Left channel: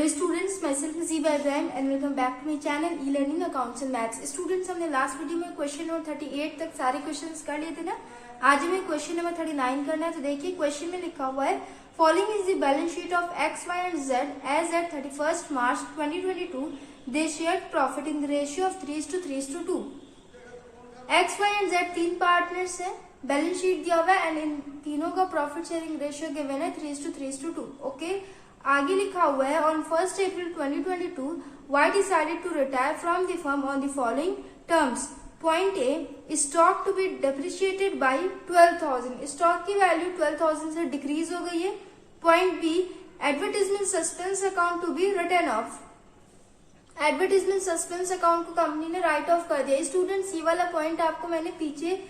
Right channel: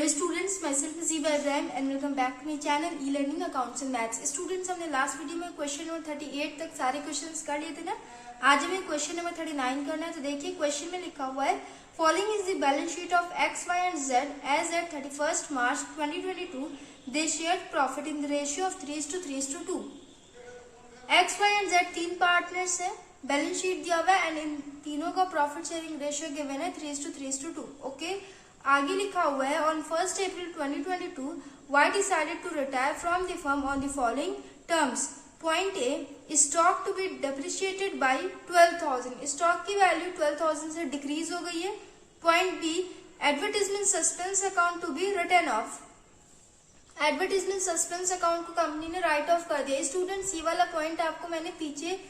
Hello students, myself Zeeba Ibrahim and welcome back to my channel e learning accounts and maths. Students, हमने last video में question number 38 तक सारे questions कर लिए थे ना। आज हमें क्वेश्चन नंबर 39 करना है। तो देखिए क्वेश्चन में लिखा हुआ है, following is the balance sheet of X, Y and Z as at 31 March 2022। They shared profit in the ratio of 3:2। X, Y and Z तीन पार्टनर्स है, बैलेंस शीट दिया हुआ है एंड इन तीनों का प्रॉफिट शेयरिंग रेशियो गिवन है 3:2। Okay, आगे लिखा हुआ है, on 1 April 2022 Y decided to retire from the firm on the following terms. Point A, stock to be depreciated by 12,000। Stock की वैल्यू 12,000 से डिक्रीज हो गई है। Point B, advertisement suspense account to be written off. Advertisement suspense account को company ने write off कर दिया। Students, ये वाला पॉइंट आपको मैंने पीछे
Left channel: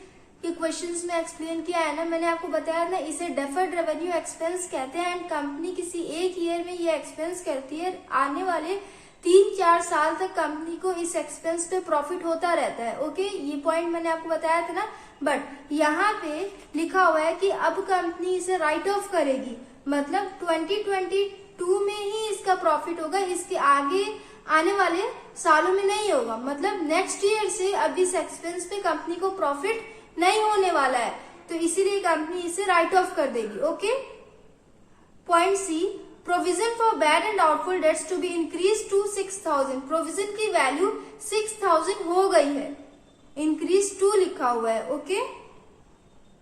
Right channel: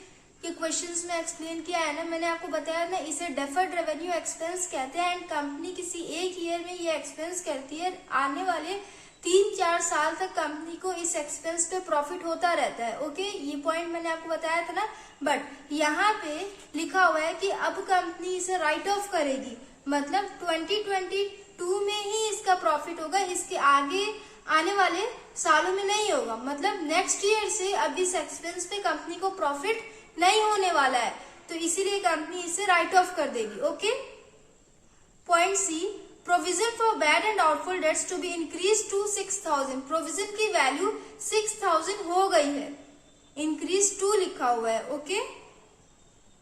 के क्वेश्चंस में एक्सप्लेन किया है ना। मैंने आपको बताया ना, इसे डेफर्ड रेवेन्यू एक्सपेंस कहते हैं एंड कंपनी किसी एक ईयर में ये एक्सपेंस करती है। आने वाले 3-4 साल तक कंपनी को इस एक्सपेंस पे प्रॉफिट होता रहता है। ओके, ये पॉइंट मैंने आपको बताया था ना। बट यहाँ पे लिखा हुआ है कि अब कंपनी इसे राइट ऑफ करेगी, मतलब 2022 में ही इसका प्रॉफिट होगा, इसके आगे आने वाले सालों में नहीं होगा। मतलब नेक्स्ट ईयर से अब इस एक्सपेंस पे कंपनी को प्रॉफिट नहीं होने वाला है, तो इसीलिए कंपनी इसे राइट ऑफ कर देगी। Okay, point C, provision for bad and doubtful debts to be increase to 6,000। Provision की वैल्यू 6,000 हो गई है, इंक्रीज टू लिखा हुआ है। Okay,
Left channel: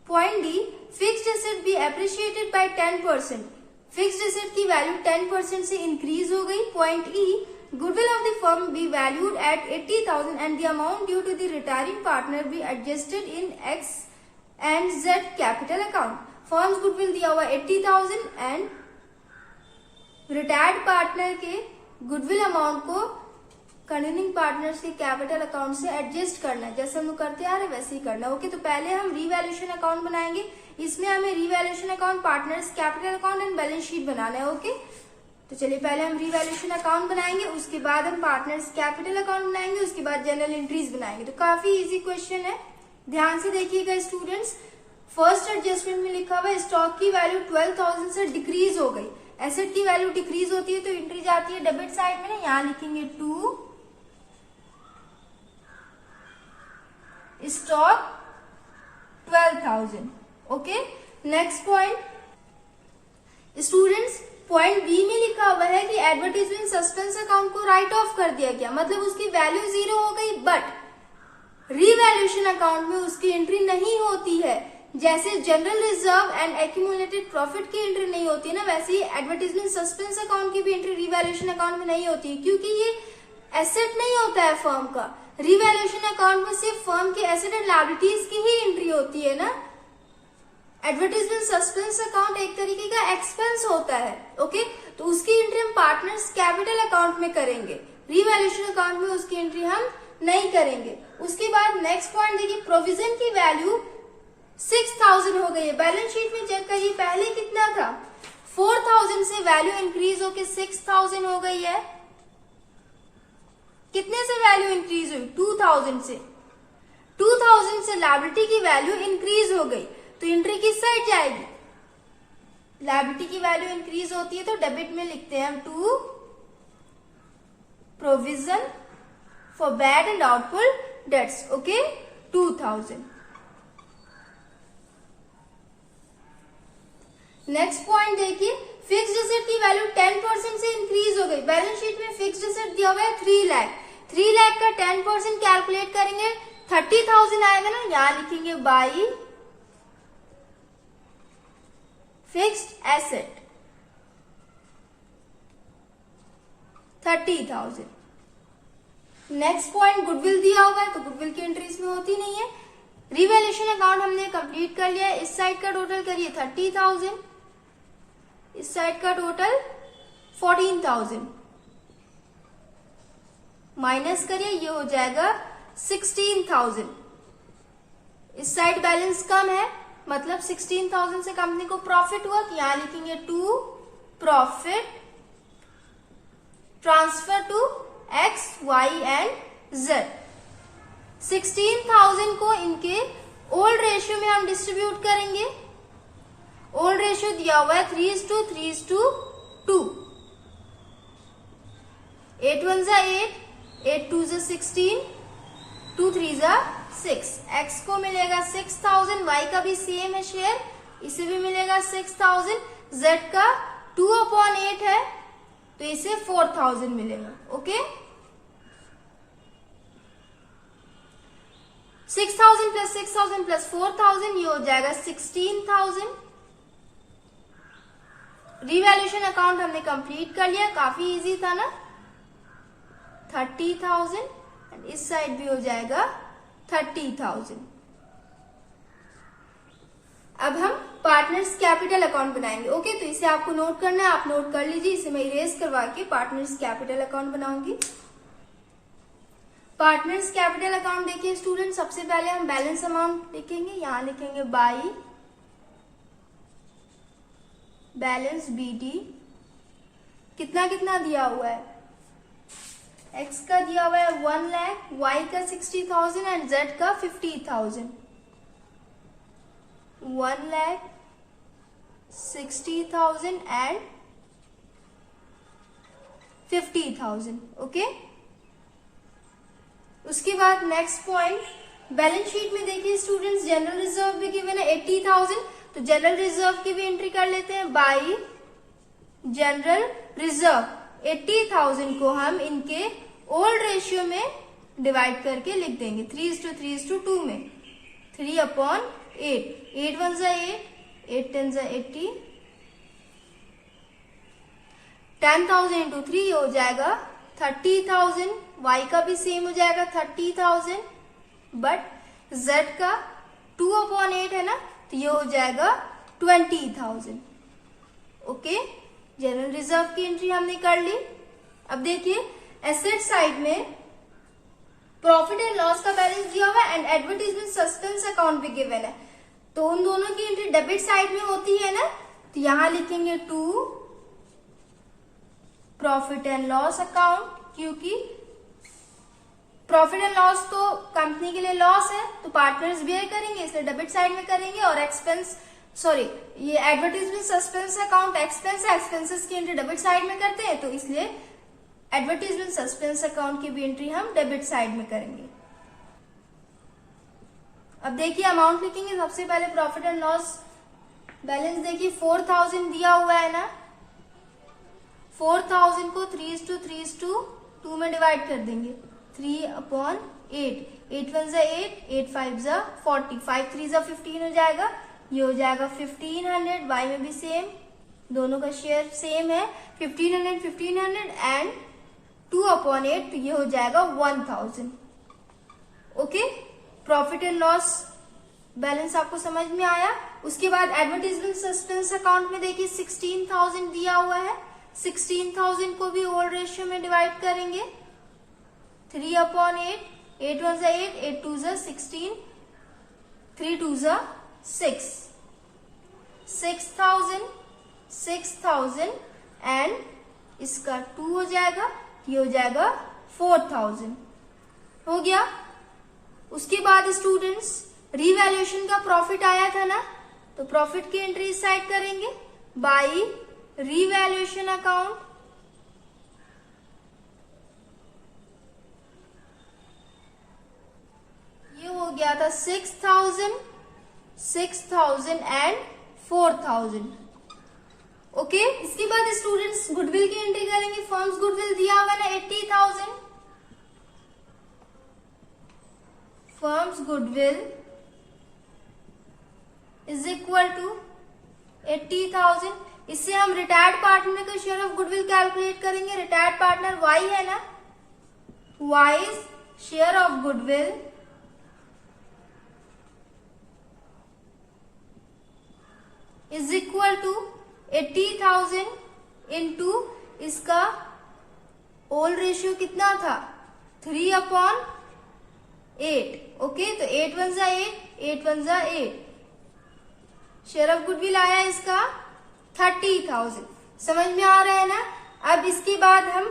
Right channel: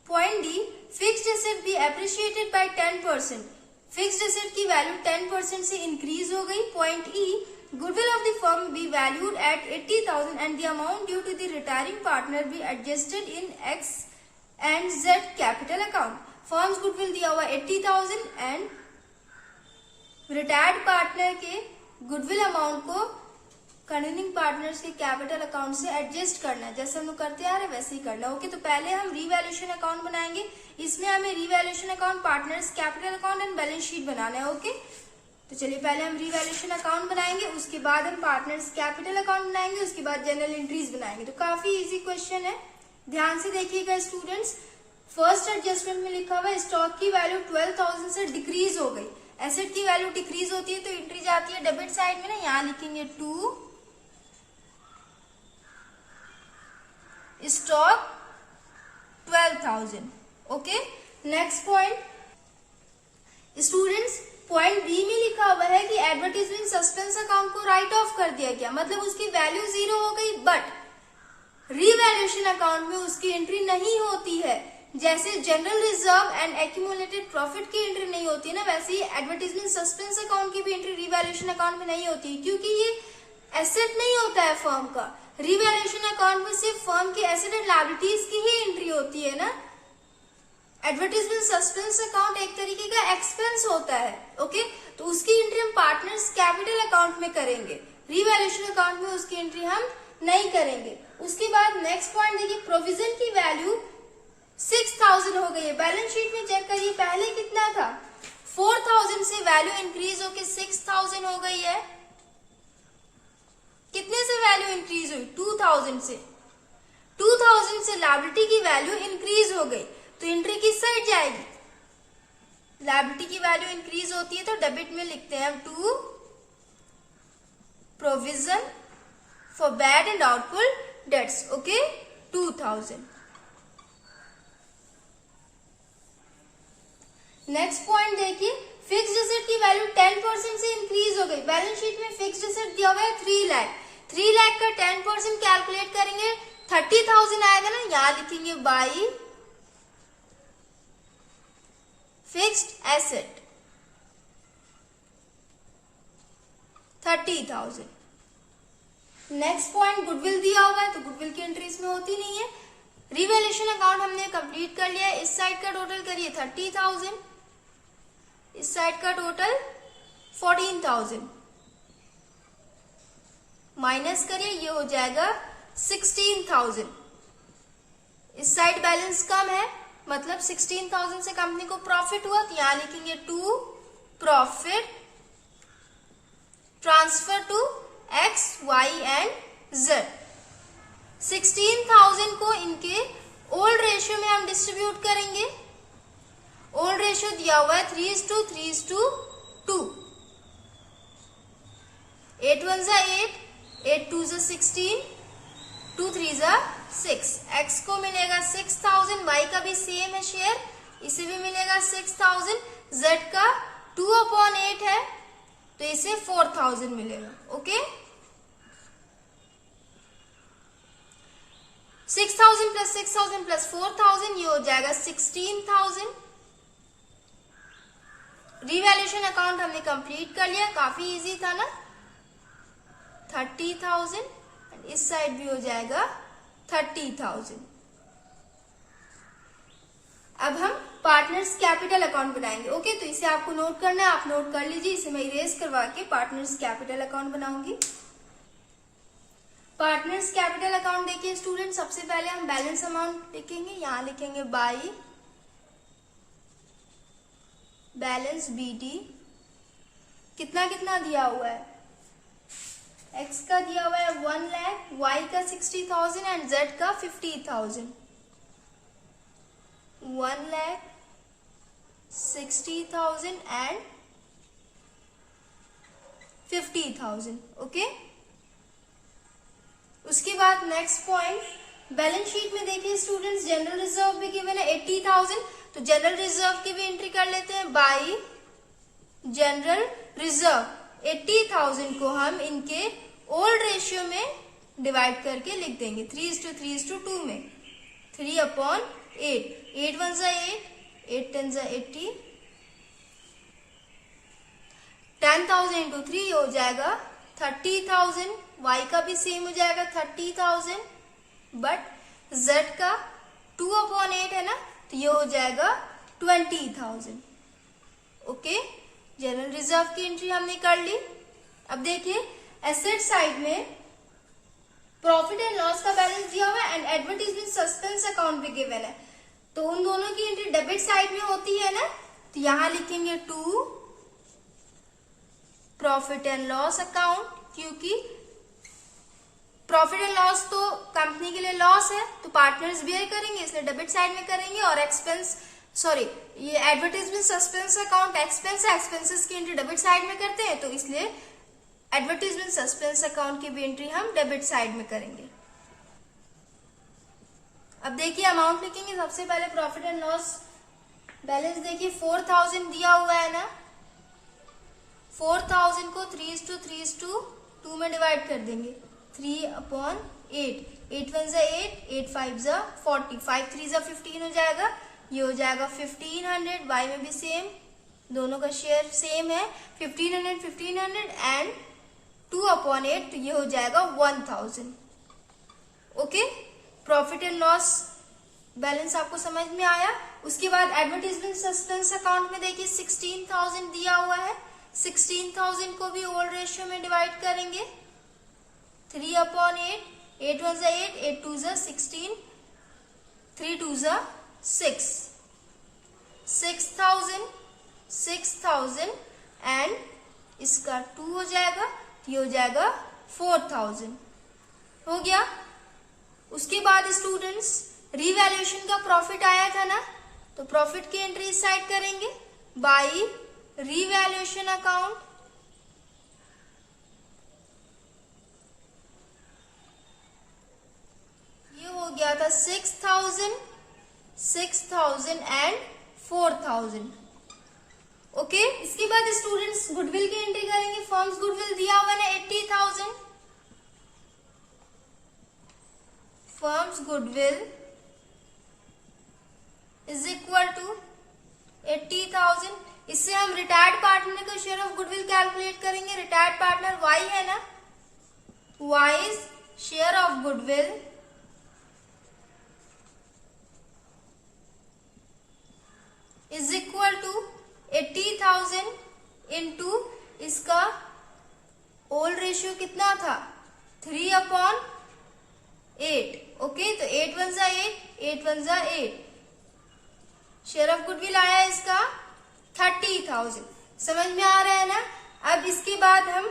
point D, fixed asset be appreciated by 10%। Fixed asset की वैल्यू 10% से इंक्रीज हो गई। Point E, goodwill of the firm be valued at 80,000 and the amount due to the retiring partner be adjusted in X and Z capital account। Firms goodwill दिया हुआ 80,000 and retired partner के goodwill amount को continuing partners के capital account से adjust करना है। जैसे हम लोग करते आ रहे वैसे ही करना है। ओके, तो पहले हम रीवैल्यूएशन अकाउंट बनाएंगे। इसमें हमें revaluation account, partners capital account and balance sheet बनाना है। ओके, तो चलिए पहले हम रीवैल्यूएशन अकाउंट बनाएंगे, उसके बाद हम पार्टनर्स कैपिटल अकाउंट बनाएंगे, उसके बाद जनरल एंट्रीज बनाएंगे। तो काफी इजी क्वेश्चन है, ध्यान से देखिएगा स्टूडेंट्स। फर्स्ट एडजस्टमेंट में लिखा हुआ है, स्टॉक की वैल्यू 12,000 से डिक्रीज हो गई। एसेट की वैल्यू डिक्रीज होती है तो एंट्री जाती है डेबिट साइड में ना, यहां लिखेंगे to stock 12,000। Okay, next point students, point B में लिखा हुआ है कि एडवर्टीजमेंट सस्पेंस अकाउंट को राइट ऑफ कर दिया गया, मतलब उसकी वैल्यू 0 हो गई। बट रीवैल्यूएशन अकाउंट में उसकी एंट्री नहीं होती है। जैसे general reserve and accumulated profit की एंट्री नहीं होती है ना, वैसे ही एडवर्टीजमेंट सस्पेंस अकाउंट की भी एंट्री रीवैल्यूएशन अकाउंट में नहीं होती है, क्योंकि ये एसेट नहीं होता है फर्म का। रीवैल्यूएशन अकाउंट में सिर्फ फर्म के एसेट एंड लायबिलिटीज की ही एंट्री होती है ना। एडवर्टीजमेंट सस्पेंस अकाउंट एक तरीके का एक्सपेंस होता है। ओके, तो उसकी एंट्री हम पार्टनर्स कैपिटल अकाउंट में करेंगे, रीवैल्यूएशन अकाउंट में उसकी एंट्री हम नहीं करेंगे। उसके बाद नेक्स्ट पॉइंट देखिए, प्रोविजन की वैल्यू 6,000 हो गई है। बैलेंस शीट में चेक करिए, पहले कितना था, 4,000 से वैल्यू इंक्रीज होकर 6,000 हो गई है। कितने से वैल्यू इंक्रीज हुई, 2,000 से। 2,000 से लायबिलिटी की वैल्यू इंक्रीज हो गई, तो एंट्री किस साइड जाएगी, लायबिलिटी की वैल्यू इंक्रीज होती है तो डेबिट में लिखते हैं हम to provision for bad and doubtful debts. Okay, 2,000। Next point देखिए, फिक्स्ड एसेट की वैल्यू 10% से इंक्रीज हो गई। बैलेंस शीट में फिक्स्ड एसेट दिया हुआ है 3 लाख। 3 लाख का 10% कैलकुलेट करेंगे 30,000 आएगा ना, यहां लिखेंगे by fixed asset 30,000। Next point, goodwill दिया हुआ है तो गुडविल की एंट्री इसमें होती नहीं है। रिवैल्यूएशन अकाउंट हमने कंप्लीट कर लिया। इस साइड का टोटल करिए 30,000, इस साइड का टोटल 14,000, माइनस करिए ये हो जाएगा 16,000। इस साइड बैलेंस कम है, मतलब 16,000 से कंपनी को प्रॉफिट हुआ, तो यहां लिखेंगे to profit transfer to X, Y and Z. 16,000 को इनके ओल्ड रेशियो में हम डिस्ट्रीब्यूट करेंगे। ओल्ड रेशियो दिया हुआ है 3:2। 8 1 जा 8, 8 2 जा 16, 2 3 जा 6। x को मिलेगा 6000, y का भी सेम है शेयर, इसे भी मिलेगा 6000, z का 2/8 है तो इसे 4000 मिलेगा। ओके, 6000 प्लस 6000 प्लस 4000 ये हो जाएगा 16000। रिवैल्यूएशन अकाउंट हमने कंप्लीट कर लिया, काफी इजी था ना। 30,000 इस साइड भी हो जाएगा 30,000। अब हम पार्टनर्स कैपिटल अकाउंट बनाएंगे। ओके, तो इसे आपको नोट करना है, आप नोट कर लीजिए। इसे मैं इरेज करवा के पार्टनर्स कैपिटल अकाउंट बनाऊंगी। पार्टनर्स कैपिटल अकाउंट देखिए स्टूडेंट, सबसे पहले हम बैलेंस अमाउंट लिखेंगे। यहां लिखेंगे बाई बैलेंस बीटी। कितना कितना दिया हुआ है, x का दिया हुआ है 1 लाख, y का 60,000 एंड z का 50,000। 1 लाख 60,000 एंड 50,000। ओके, उसके बाद नेक्स्ट पॉइंट बैलेंस शीट में देखिए स्टूडेंट्स, जनरल रिजर्व भी गिवन है 80,000, तो जनरल रिजर्व की भी एंट्री कर लेते हैं। बाई जनरल रिजर्व 80,000 को हम इनके ओल्ड रेशियो में डिवाइड करके लिख देंगे 3:3:2 में। 3/8, 8 1 जा 8, 8 10 जा 80, 10,000 इंटू 3 हो जाएगा 30,000। y का भी सेम हो जाएगा 30,000, बट z का 2/8 है ना, तो ये हो जाएगा 20,000। ओके, जनरल रिजर्व की एंट्री हमने कर ली। अब देखिए एसेट साइड में प्रॉफिट एंड लॉस का बैलेंस दिया हुआ है एंड एडवर्टीजमेंट सस्पेंस अकाउंट भी गिवन है, तो उन दोनों की एंट्री डेबिट साइड में होती है ना, तो यहां लिखेंगे to profit and loss account, क्योंकि प्रॉफिट एंड लॉस तो कंपनी के लिए लॉस है तो पार्टनर्स बियर करेंगे, इसलिए डेबिट साइड में करेंगे। और एक्सपेंस ये एडवर्टीजमेंट सस्पेंस अकाउंट एक्सपेंस है, एक्सपेंसेस की एंट्री डेबिट साइड में करते हैं, तो इसलिए एडवर्टीजमेंट सस्पेंस अकाउंट की भी एंट्री हम डेबिट साइड में करेंगे। अब देखिए अमाउंट लिखेंगे, सबसे पहले प्रॉफिट एंड लॉस बैलेंस देखिए 4,000 दिया हुआ है ना, 4,000 को 3:3:2 में डिवाइड कर देंगे। 3/8, 8 1 जा 8, 8 5 जा 40, 5 3 जा 15 हो जाएगा, ये हो जाएगा 1500। y में भी सेम, दोनों का शेयर सेम है 1500 1500 एंड 2/8, तो ये हो जाएगा 1000। Okay, profit and loss balance आपको समझ में आया। उसके बाद एडवर्टीजमेंट सस्पेंस अकाउंट में देखिए 16,000 दिया हुआ है, 16,000 को भी ओल्ड रेशियो में डिवाइड करेंगे। 3/8, 8 1 जा 8, 8 2 जा 16, 3 2 जा 6, 6,000 एंड इसका 2 हो जाएगा, ये हो जाएगा 4,000। हो गया। उसके बाद स्टूडेंट्स रिवैल्यूएशन का प्रॉफिट आया था ना, तो प्रॉफिट की एंट्री इस साइड करेंगे बाई रिवैल्यूएशन अकाउंट। ये हो गया था 6,000 एंड 4,000। ओके, इसके बाद स्टूडेंट्स गुडविल की एंट्री करेंगे। फर्म्स गुडविल दिया हुआ है 80,000, firms goodwill is equal to 80,000। इससे हम रिटायर्ड पार्टनर का शेयर ऑफ गुडविल कैलकुलेट करेंगे। रिटायर्ड पार्टनर y है ना, y share of goodwill is equal to 80,000 into इसका ओल्ड रेशियो कितना था 3/8। ओके, तो 8 1 जा 8, 8 1 जा 8, शेयर ऑफ गुडविल आया इसका 30,000। समझ में आ रहा है ना। अब इसके बाद हम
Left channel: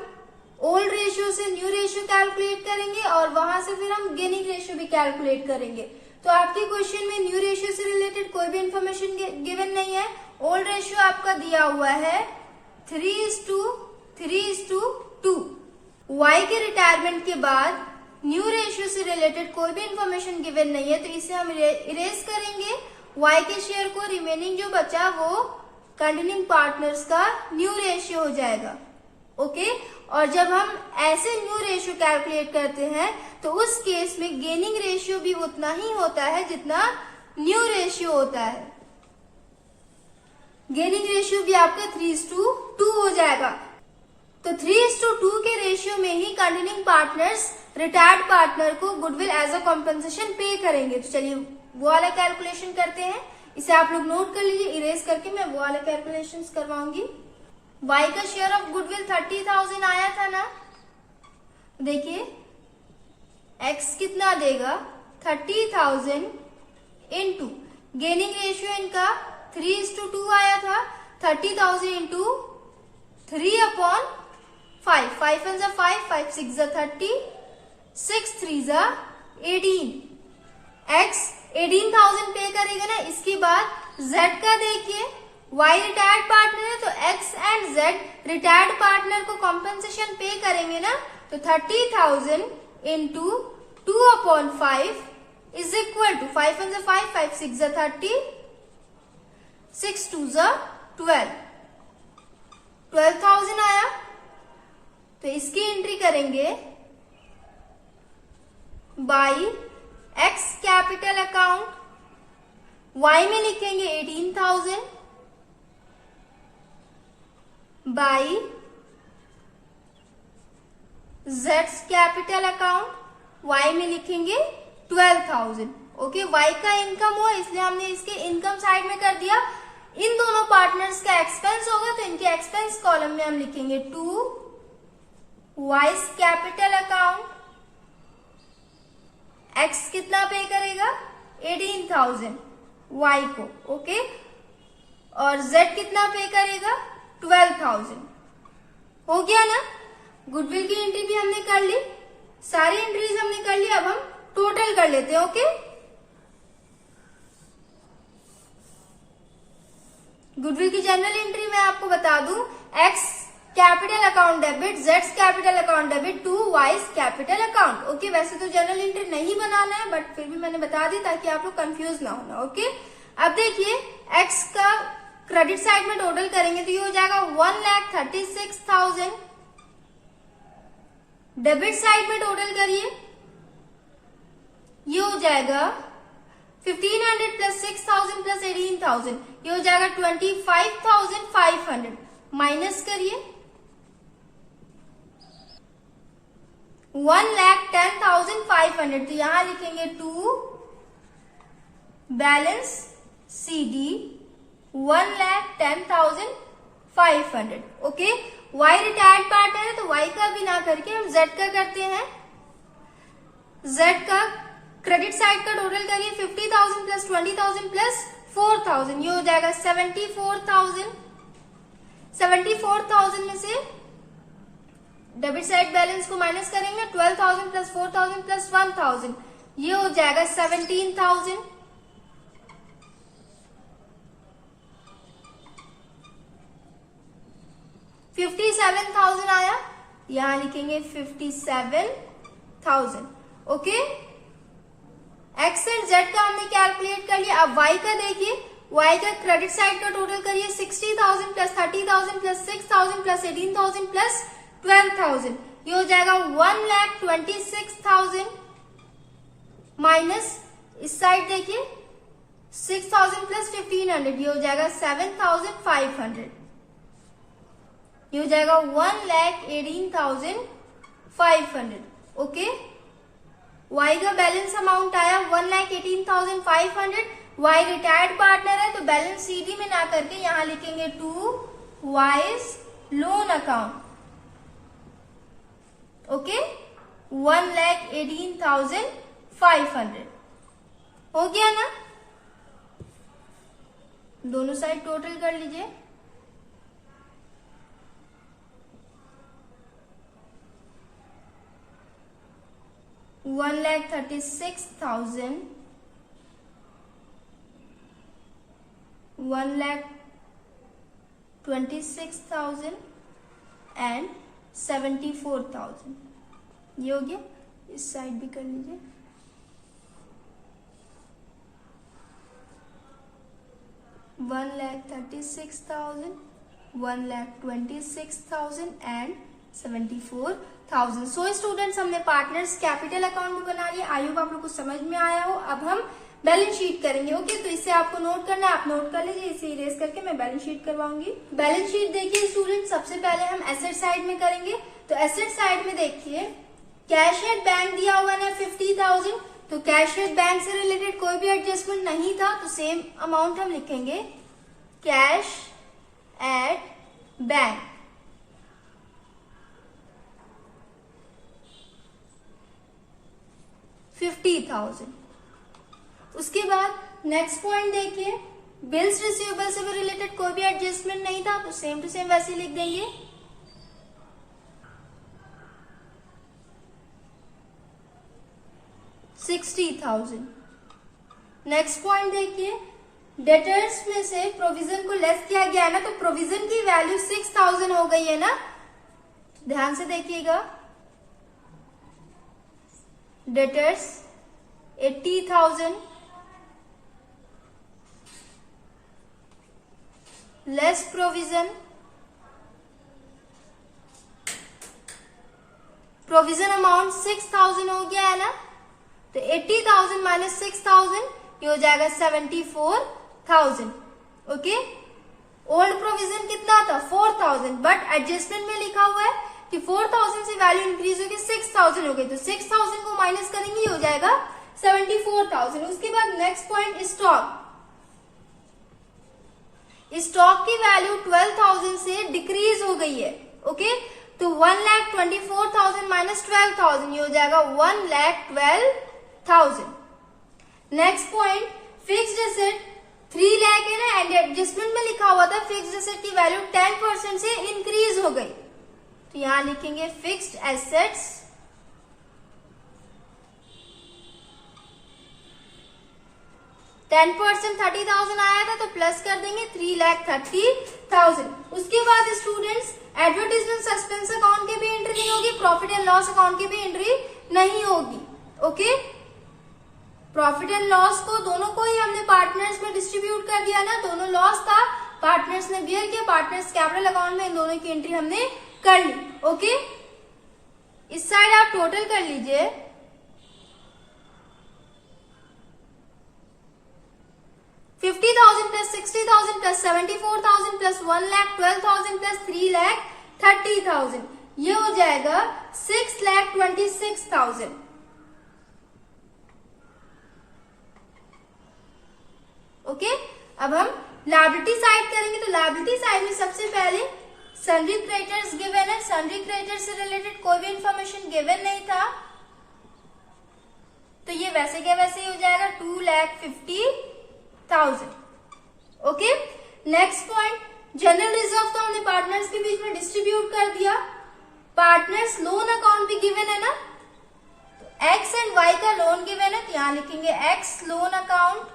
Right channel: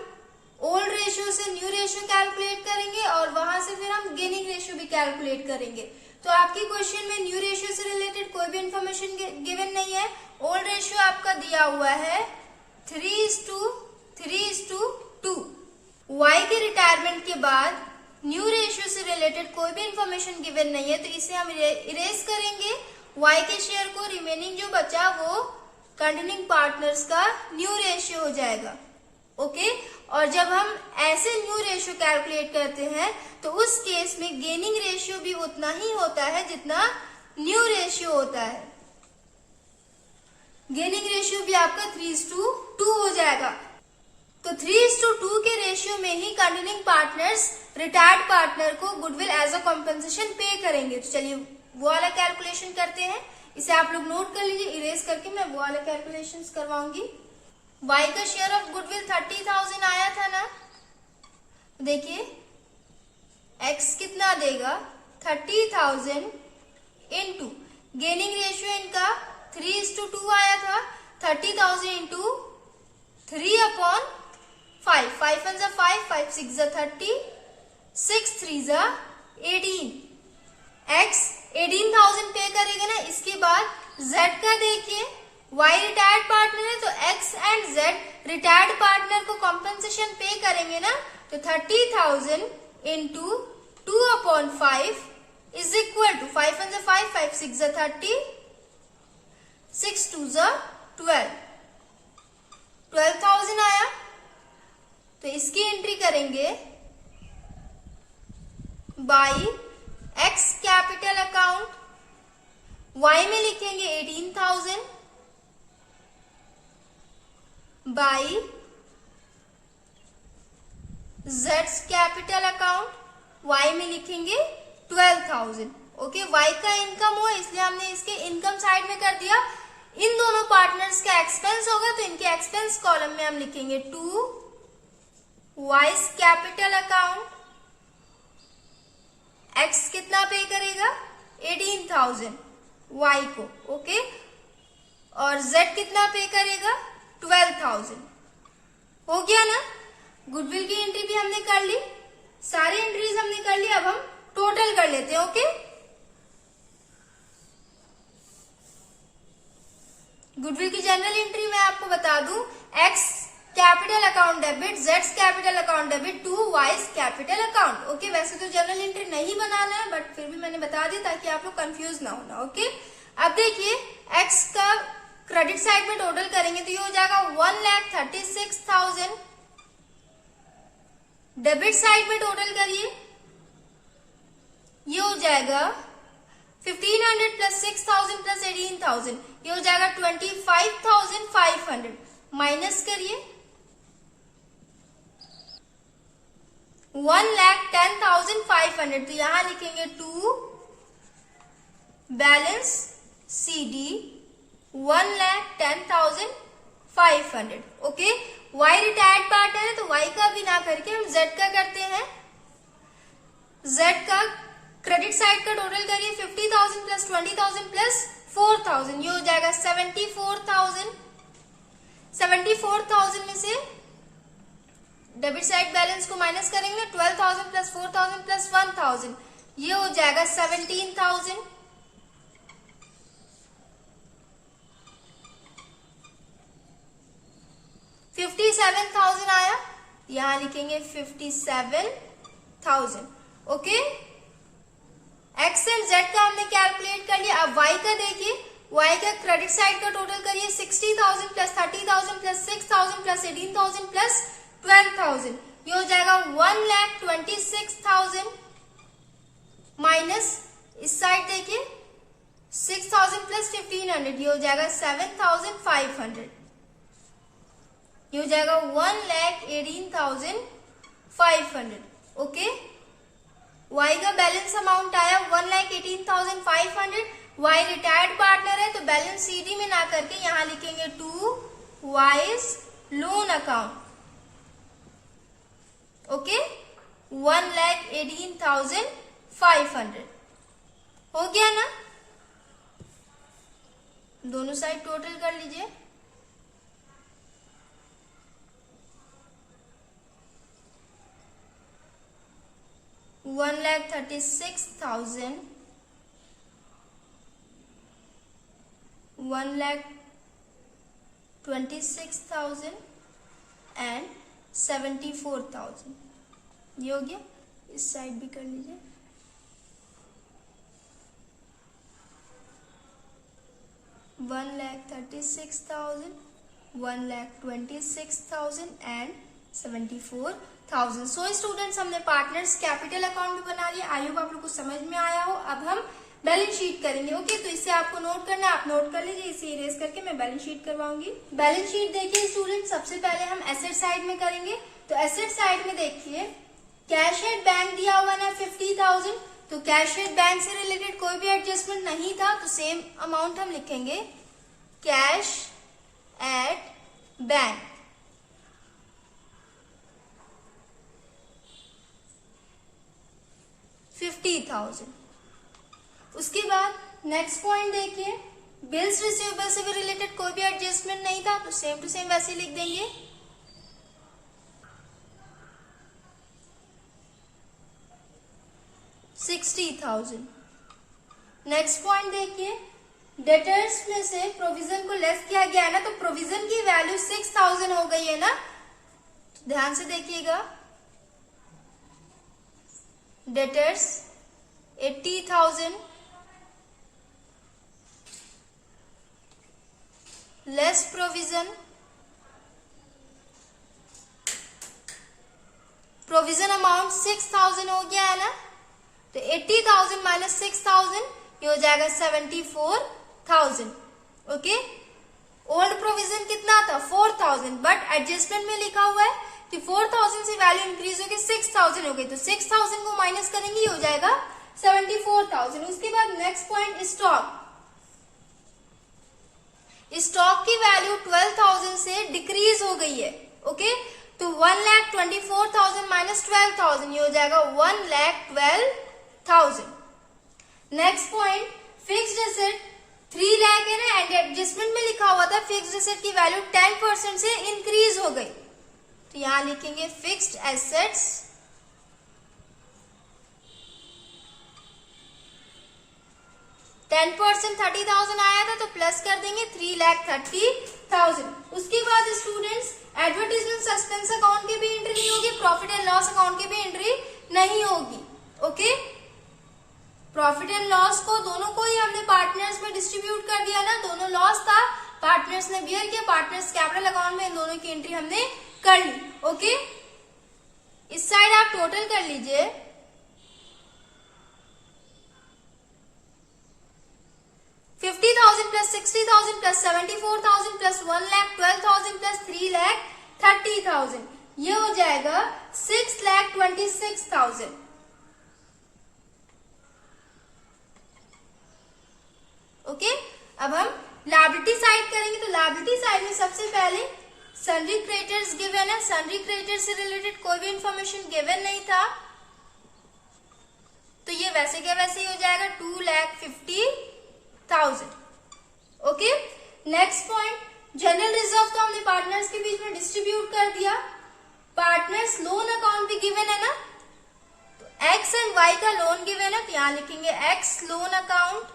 ओल्ड रेशियो से न्यू रेशियो कैलकुलेट करेंगे और वहां से फिर हम गेनिंग रेशियो भी कैलकुलेट करेंगे। तो आपके क्वेश्चन में न्यू रेशियो से रिलेटेड कोई भी इंफॉर्मेशन गिवन नहीं है। ओल्ड रेशियो आपका दिया हुआ है 3:2। वाई के रिटायरमेंट के बाद न्यू रेशियो से रिलेटेड कोई भी इंफॉर्मेशन गिवन नहीं है, तो इसे हम इरेज करेंगे। वाई के शेयर को रिमेनिंग जो बचा वो कंटिन्यूइंग पार्टनर्स का न्यू रेशियो हो जाएगा। ओके, और जब हम ऐसे न्यू रेशियो कैलकुलेट करते हैं तो उस केस में गेनिंग रेशियो भी उतना ही होता है जितना न्यू रेशियो होता है। गेनिंग रेशियो भी आपका 3:2 हो जाएगा। तो 3:2 के रेशियो में ही कंटिन्यूइंग पार्टनर्स रिटायर्ड पार्टनर को गुडविल एज अ कॉम्पेंसेशन पे करेंगे। तो चलिए वो वाला कैलकुलेशन करते हैं। इसे आप लोग नोट कर लीजिए, इरेज करके मैं वो वाला कैलकुलेशन करवाऊंगी। वाई का शेयर ऑफ गुडविल 30,000 आया था ना, देखिए एक्स कितना देगा 30,000 इंटू गेनिंग रेशियो इनका 3:2 आया था। 30,000 इंटू 3/5, 5 1 जा 5, 5 6 जा 30, 6 3 जा 18। एक्स 18,000 पे करेगा ना। इसके बाद जेड का देखिए, वाई रिटायर्ड पार्टनर है तो x and Z retired partner को कॉम्पेंसेशन पे करेंगे ना। तो 30,000 इंटू 2/5 इज इक्वल टू 5 1 जा 5, 5 6 जा 30, 6 2 जा 12, 12,000 आया। तो इसकी एंट्री करेंगे by X capital account, Y में लिखेंगे 18,000 बाई जेड्स कैपिटल अकाउंट, वाई में लिखेंगे 12,000। ओके, वाई का इनकम हुआ इसलिए हमने इसके इनकम साइड में कर दिया। इन दोनों पार्टनर्स का एक्सपेंस होगा तो इनके एक्सपेंस कॉलम में हम लिखेंगे 2 वाइज कैपिटल अकाउंट। एक्स कितना पे करेगा 18,000 वाई को। ओके, और जेड कितना पे करेगा 12,000। हो गया ना। गुडविल की एंट्री भी हमने कर ली, सारी एंट्रीज हमने कर ली। अब हम टोटल कर लेते हैं। ओके, गुडविल की जनरल एंट्री मैं आपको बता दूं, एक्स कैपिटल अकाउंट डेबिट, जेड्स capital account debit to Y's capital account. Okay, वैसे तो जनरल एंट्री नहीं बनाना है बट फिर भी मैंने बता दी ताकि आप लोग कंफ्यूज ना होना। ओके, अब देखिए एक्स का क्रेडिट साइड में टोटल करेंगे तो ये हो जाएगा 1,36,000। डेबिट साइड में टोटल करिए, ये हो जाएगा 1,500 प्लस 6,000 प्लस 18,000, ये हो जाएगा 25,500। माइनस करिए 1,10,500, तो यहां लिखेंगे 2 balance CD 1,10,500। Okay, Y retired partner है तो वाई का भी ना करके हम जेड का करते हैं। जेड का क्रेडिट साइड का टोटल करिए 50,000 प्लस 20,000 प्लस 4,000, ये हो जाएगा 74,000। 74,000 में से डेबिट साइड बैलेंस को माइनस करेंगे 12,000 प्लस 4,000 प्लस 1,000, ये हो जाएगा 17,000। 57,000 आया, यहां लिखेंगे 57,000। ओके, एक्स एंड जेड का हमने कैलकुलेट कर लिया। अब वाई का देखिए, वाई का क्रेडिट साइड का टोटल करिए 60,000 प्लस 30,000 प्लस 6,000 प्लस 18,000 प्लस 12,000, ये हो जाएगा 1,26,000 माइनस इस साइड देखिए 6,000 प्लस 1,500, ये हो जाएगा 7,500, ये हो जाएगा 1,18,500। ओके, वाई का बैलेंस अमाउंट आया 1,18,500। वाई रिटायर्ड पार्टनर है तो बैलेंस सीडी में ना करके यहां लिखेंगे 2 वाइज लोन अकाउंट। ओके, 1,18,500 हो गया ना। दोनों साइड टोटल कर लीजिए। $1,36,000, 1,26,000 and 74,000। ये हो गया, इस साइड भी कर लीजिए। One lakh 36,000, 1,26,000 and 74,000। So students, हमने पार्टनर्स कैपिटल अकाउंट भी बना लिया। आई होप आप लोग को समझ में आया हो। अब हम बैलेंस शीट करेंगे। ओके, तो इससे आपको नोट करना है, आप नोट कर लीजिए। इसे इरेज करके मैं बैलेंस शीट करवाऊंगी। बैलेंस शीट देखिए स्टूडेंट, सबसे पहले हम एसेट साइड में करेंगे। तो एसेट साइड में देखिए, कैश एट बैंक दिया हुआ ना 50,000। तो कैश एट बैंक से रिलेटेड कोई भी एडजस्टमेंट नहीं था, तो सेम अमाउंट हम लिखेंगे कैश एट बैंक। $50,000। उसके बाद नेक्स्ट पॉइंट देखिए, बिल्स रिसीवेबल से भी रिलेटेड कोई भी एडजस्टमेंट नहीं था, तो सेम टू सेम वैसे लिख देंगे $60,000। नेक्स्ट पॉइंट देखिए, डेटर्स में से प्रोविजन को लेस किया गया है ना, तो प्रोविजन की वैल्यू 6,000 हो गई है ना। तो ध्यान से देखिएगा, debtors 80,000 less provision, provision amount 6,000 हो गया है ना। तो 80,000 माइनस 6,000, ये हो जाएगा 74,000। ओके, ओल्ड प्रोविजन कितना था 4,000, बट एडजस्टमेंट में लिखा हुआ है कि 4,000 से वैल्यू इंक्रीज होगी 6,000 हो गई, तो 6,000 को माइनस करेंगे, ये हो जाएगा 74,000। उसके बाद नेक्स्ट पॉइंट, स्टॉक। स्टॉक की वैल्यू 12,000 से डिक्रीज हो गई है। ओके, तो 1,24,000 माइनस 12,000, ये हो जाएगा 1,12,000। Next point, fixed asset 3 lakh है ना, एंड एडजस्टमेंट में लिखा हुआ था फिक्स्ड एसेट की वैल्यू 10% से इंक्रीज हो गई, तो यहां लिखेंगे फिक्स्ड एसेट्स 10% 30,000 आया था, तो प्लस कर देंगे 3,30,000। उसके बाद स्टूडेंट्स, एडवर्टीजमेंट सस्पेंस अकाउंट की भी एंट्री नहीं होगी, प्रॉफिट एंड लॉस अकाउंट की भी एंट्री नहीं होगी। ओके, प्रॉफिट एंड लॉस को दोनों को ही हमने पार्टनर्स में डिस्ट्रीब्यूट कर दिया ना, दोनों लॉस था, पार्टनर्स ने बियर किया, पार्टनर्स कैपिटल अकाउंट में इन दोनों की एंट्री हमने कर ली। ओके, इस साइड आप टोटल कर लीजिए, 50,000 प्लस 60,000 प्लस 74,000 प्लस 1,12,000 प्लस 3,30,000, ये हो जाएगा 6,26,000। ओके, अब हम लायबिलिटी साइड करेंगे। तो लायबिलिटी साइड में सबसे पहले सन्ड्री क्रेडिटर्स गिवन है, सन्ड्री क्रेडिटर्स से रिलेटेड कोई भी इंफॉर्मेशन गिवन नहीं था, तो ये वैसे क्या वैसे ही हो जाएगा 2,50,000। Okay, next point, general reserve तो हमने पार्टनर्स के बीच में डिस्ट्रीब्यूट कर दिया। पार्टनर्स लोन अकाउंट भी गिवन है ना, तो एक्स एंड वाई का लोन गिवन है, तो यहां लिखेंगे x loan account,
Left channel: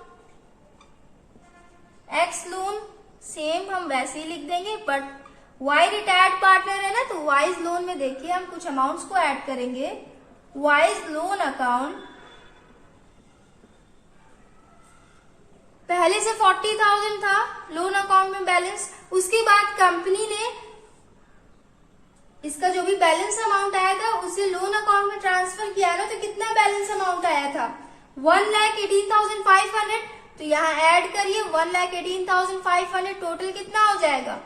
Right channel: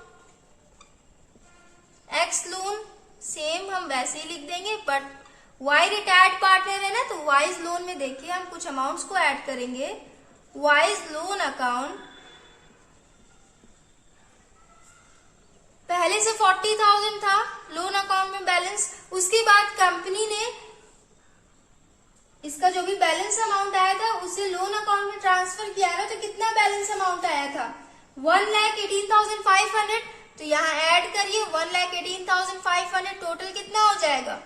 x loan same हम वैसे ही लिख देंगे, बट वाई रिटायर्ड पार्टनर है ना, तो वाइज लोन में देखिए हम कुछ अमाउंट्स को ऐड करेंगे। वाइज लोन अकाउंट पहले से 40,000 था लोन अकाउंट में बैलेंस, उसके बाद कंपनी ने इसका जो भी बैलेंस अमाउंट आया था उसे लोन अकाउंट में ट्रांसफर किया ना, तो कितना बैलेंस अमाउंट आया था 1,18,500, तो यहाँ ऐड करिए 1,18,500, टोटल कितना हो जाएगा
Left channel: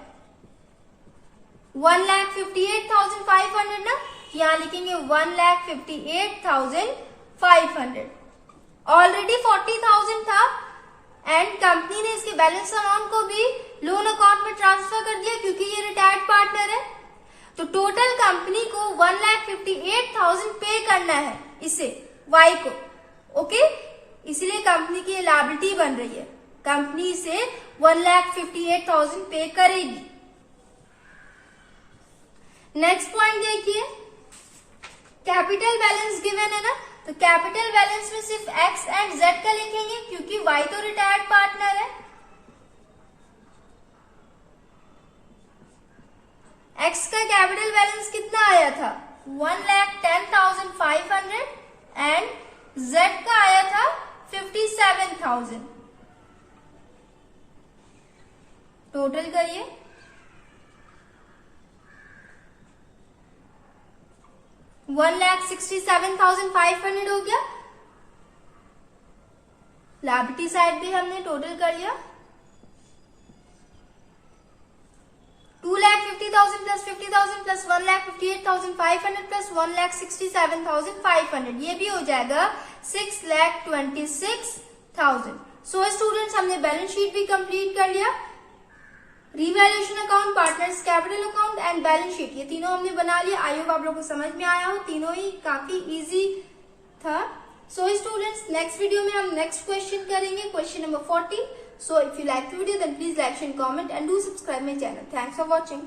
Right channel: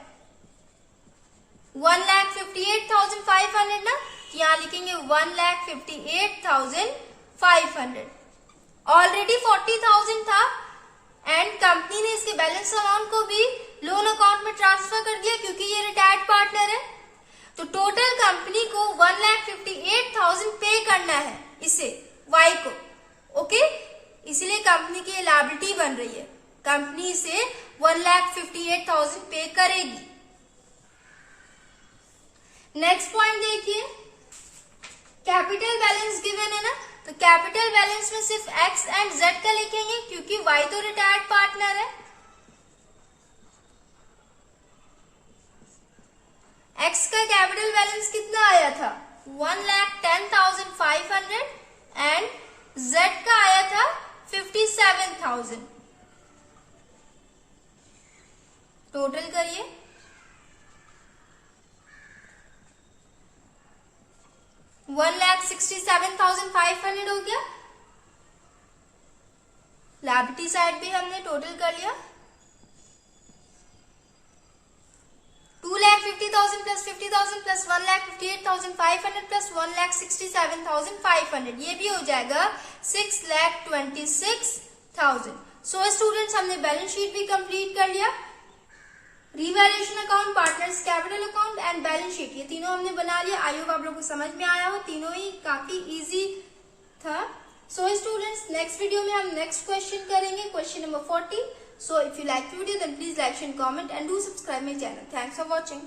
1,58,500 ना, यहाँ लिखेंगे 1,58,500। ऑलरेडी 40,000 था एंड कंपनी ने इसके बैलेंस अमाउंट को भी लोन अकाउंट में ट्रांसफर कर दिया क्योंकि ये रिटायर्ड पार्टनर है, तो टोटल कंपनी को 1,58,000 पे करना है इसे वाई को। ओके, इसलिए कंपनी की लायबिलिटी बन रही है, कंपनी इसे 1,58,000 पे करेगी। नेक्स्ट पॉइंट देखिए, कैपिटल बैलेंस गिवन है ना, तो कैपिटल बैलेंस में सिर्फ एक्स एंड जेड का लिखेंगे क्योंकि वाई तो रिटायर्ड पार्टनर है। एक्स का कैपिटल बैलेंस कितना आया था 1,10,500 एंड जेड का आया था 57,000। टोटल करिए 1,67,500 हो गया। लायबिलिटी साइड भी हमने टोटल कर लिया। 2,50,000 प्लस 50,000 प्लस 1,58,500 प्लस 1,67,500 ये भी हो जाएगा 6,26,000। सो स्टूडेंट्स हमने बैलेंस शीट भी कंप्लीट कर लिया। Revaluation account, partners capital account and balance sheet ये तीनों हमने बना लिया। आई होप आप लोगों को समझ में आया हो, तीनों ही काफी इजी था। सो स्टूडेंट्स नेक्स्ट वीडियो में हम नेक्स्ट क्वेश्चन करेंगे, question number 40। So if you like the video then please like, share, comment and do subscribe my channel. Thanks for watching.